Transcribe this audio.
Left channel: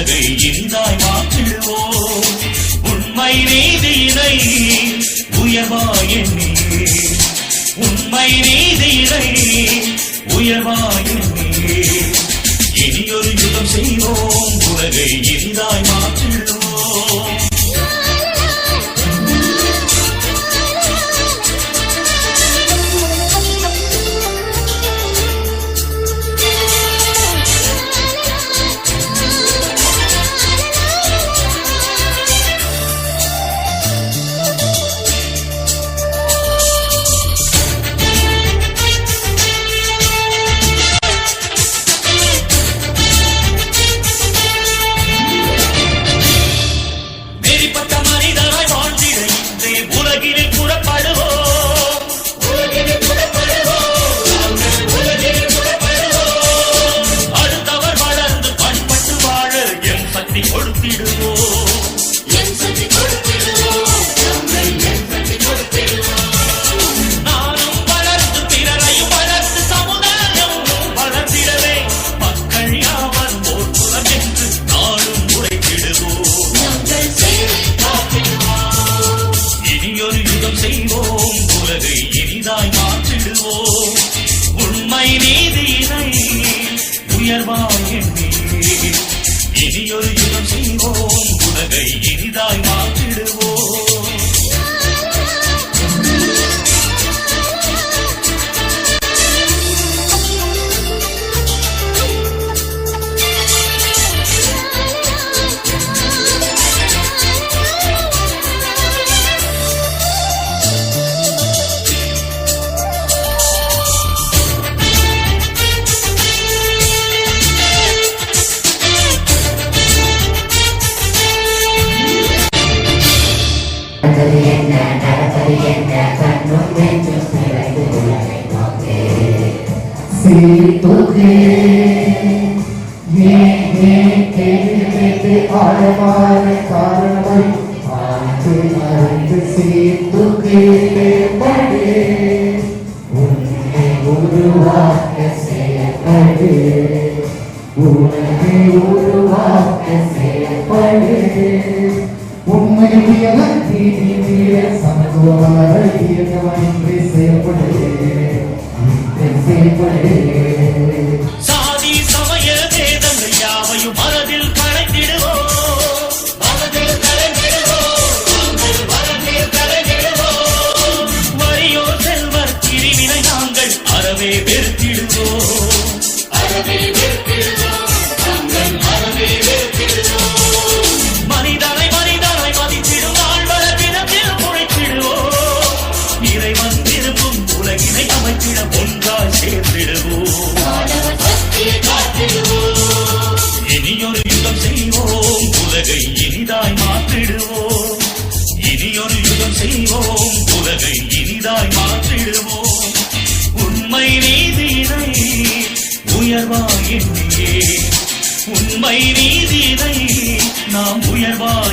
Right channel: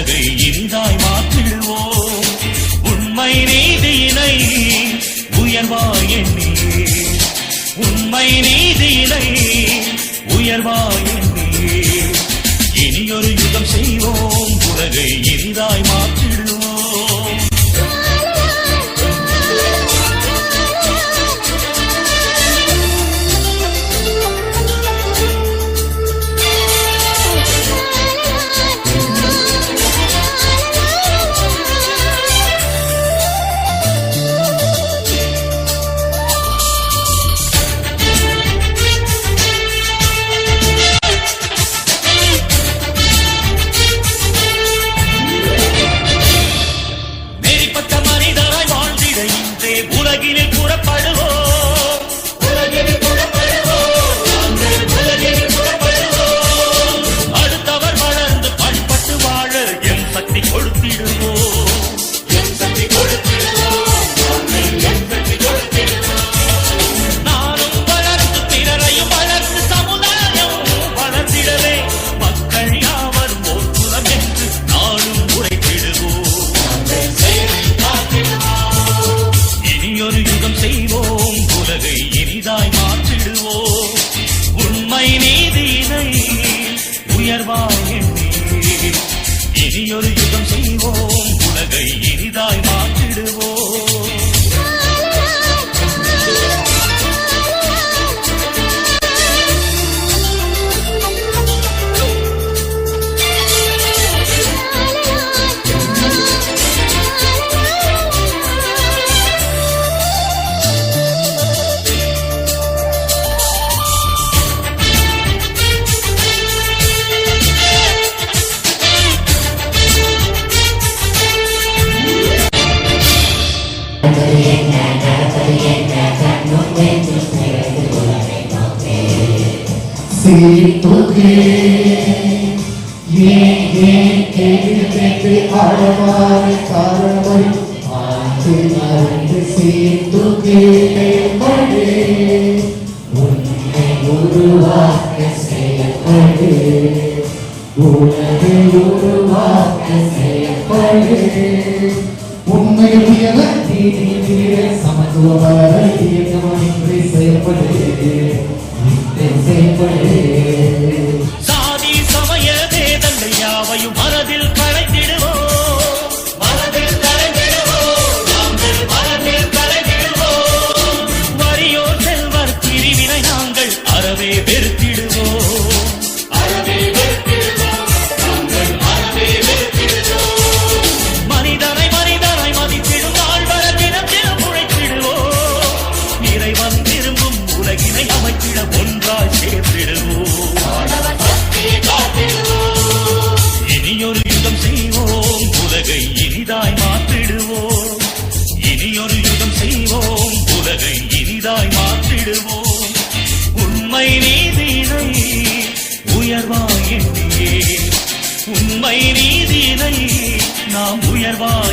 உலகை இனிதாய் மாற்றிடுவோம். உண்மை நீதி இணை உயர்வாயின், உண்மை நீதி இணை உயர்வாயின். இனியொரு யுகம் செய்வோம், உலகை இனிதாய் மாற்றிடுவோம். உண்மை நீதியை உயர்வாயும் இனியொரு யுகம் செய்வோம், உலகை இனிதாய் மாற்றிடுவோம். Situ-ke, ye alamari karamari, antu situ-ke pade, unne uruvakke seyapade, unne uruvakke seyapade, unne diyala samaduvara diyamani seyapade. சாதி சமய வேதங்கள் யாவையும் மனதில் கலக்கிடுவோம், வலியோ செல்வர் பிரிவினை நாங்கள் அறவே வெறுக்கிடுவோம். மனிதனை மனிதனை மதித்திடும் வாழ்வரத்திடம் உரைக்கிடுவோம். இறைவன் திரும்பும் உலகினை அமைத்திட ஒன்றாய் சேர்த்திடுவோம். இனியொரு யுகம் செய்வோம், உலகை இனிதாய் மாற்றிடுவோம். இனியொரு யுகம் செய்வோம், உலகை இனிதாய் மாற்றிடுவோம். உண்மை நீதியை உயர்வாயின், உண்மை நீதியை நாம் உயர்வாய்